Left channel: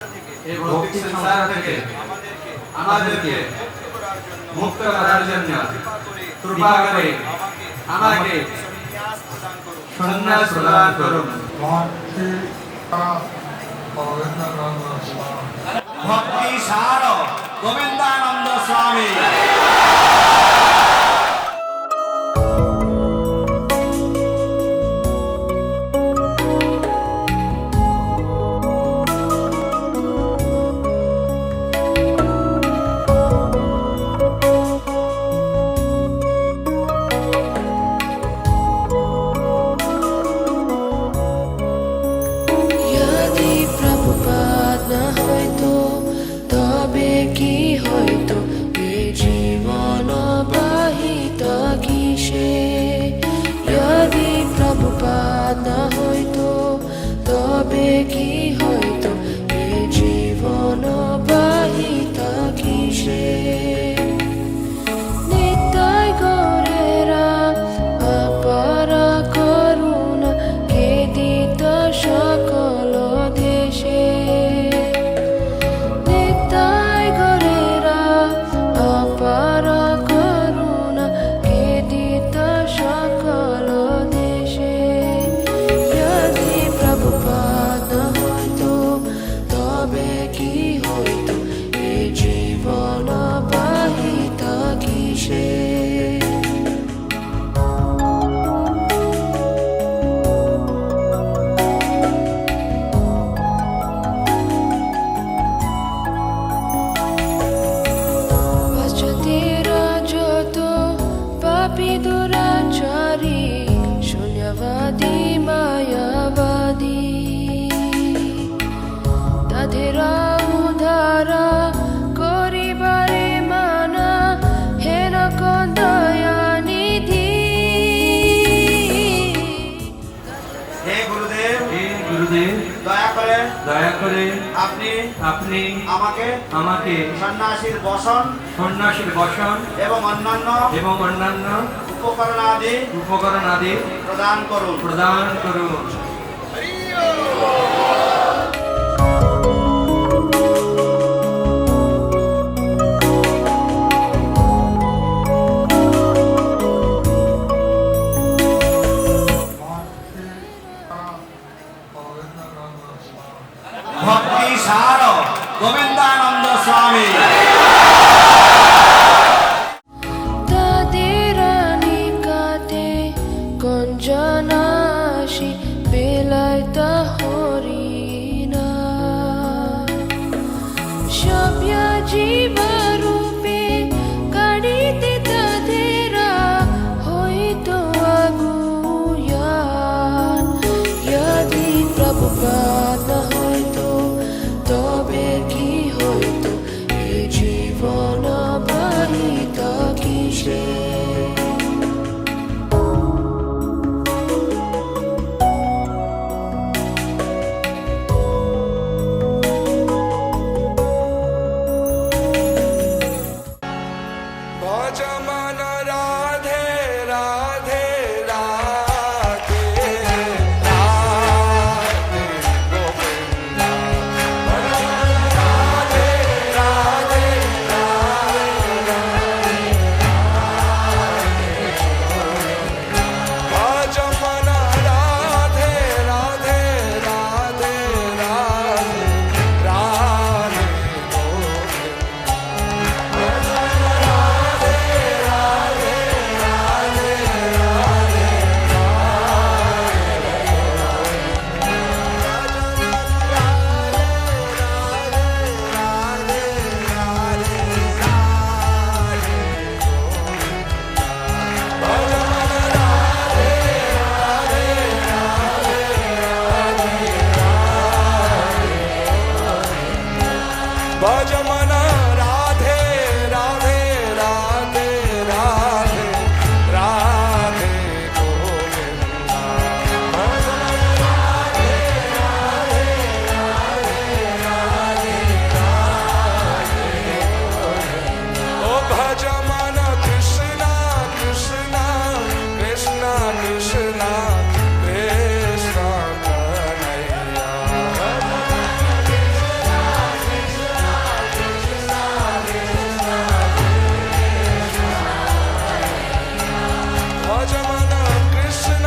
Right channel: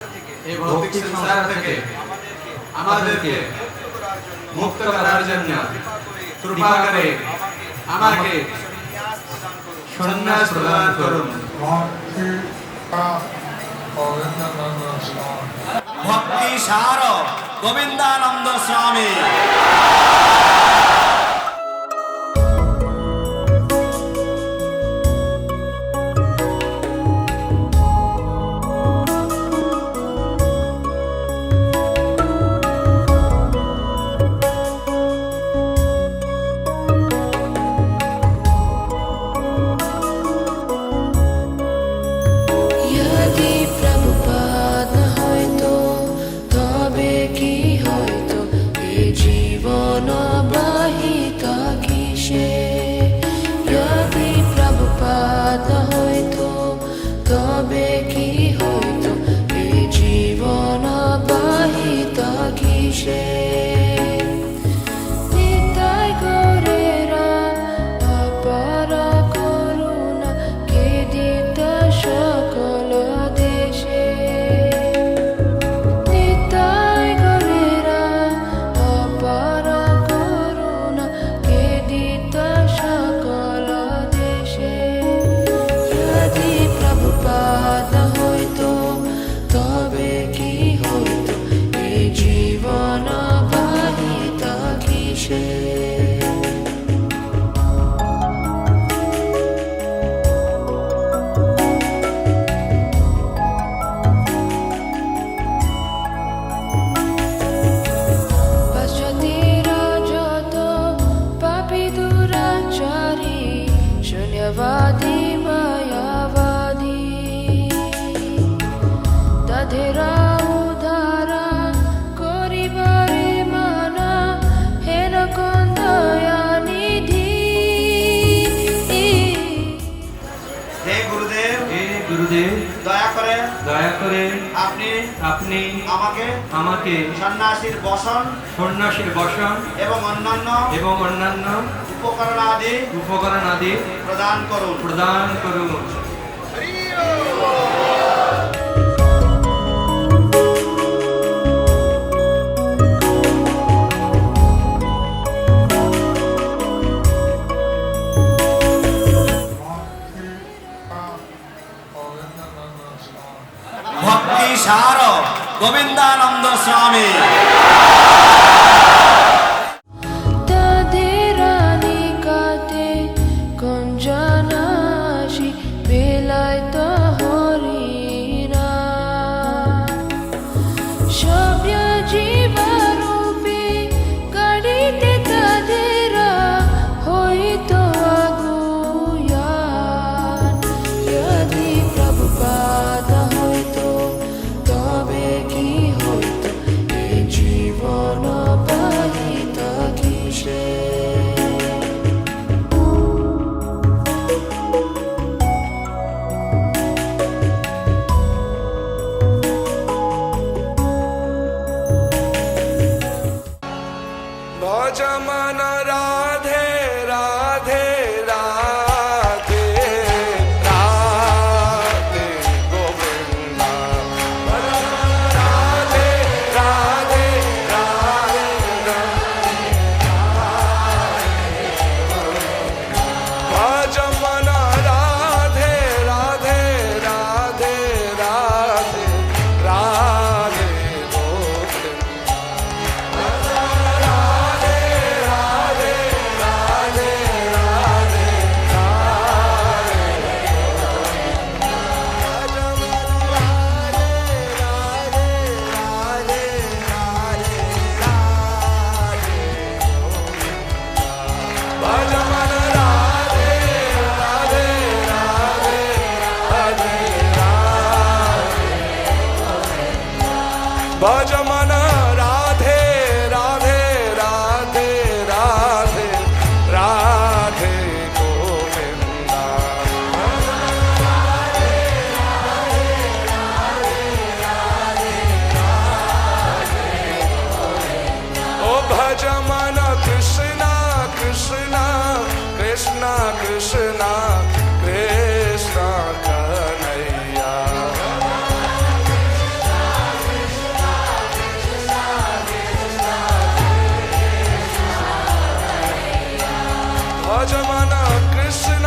এই ভৌতিক সংসার থেকে আমাদেরকে মুক্ত করার জন্য কৃপা করে আমাকে সন্ন্যাস প্রদান করুন। ভক্তি সার গোবিন্দানন্দ স্বামী। यदि प्रभुपाद হয়তো তবে কি হয়তো এ জীবন বাহিত কিসে। यदि प्रभुपाद হয়তো তবে কি হয়তো এ জীবন বাহিত কিসে। নিতাই গৌরেরা অপার করুণা খেদিত সকল দেশে। নিতাই গৌরেরা অপার করুণা খেদিত সকল দেশে। यदि प्रभुपाद হয়তো তবে কি হয়তো এ জীবন বাহিত কিসে। পাশ্চাত্যেরা যত পাপী দুরাচারী শূন্যবাদী মায়াবাদী তাদের উদ্ধারা করিবারে মানা হেন কোন দয়ানিধি। হে গুরুদেব, হে গুরুদেব, দয়া করে আপনি আমাকে সন্ন্যাসীর বসন সন্ন্যাসীর বসন এবং অন্যান্য উপকরণ আদি প্রদান করুন। ভক্তি সার গোবিন্দানন্দ স্বামী। তাদের নিকটে কুঞ্জনাশী বিলাইত হরিণা সভ্য জীবরূপে কাড়িতে তাদের হইত আগুয়া। यदि प्रभुपाद হয়তো তবে কি হয়তো এ জীবন বাহিত কিসে। ভজমন রাধে রাধে রাধে রাধে গোবিন্দা। রাধে রাধে রাধে ভজমন রাধে রাধে রাধে রাধে রাধে গোবিন্দা। भजमन राधे राधे राधे राधे राधे गोविंदा। ओ भजमन कृष्णा कृष्णा कृष्णा कृष्णा कृष्णा कन्हैया। भज मन कृष्ण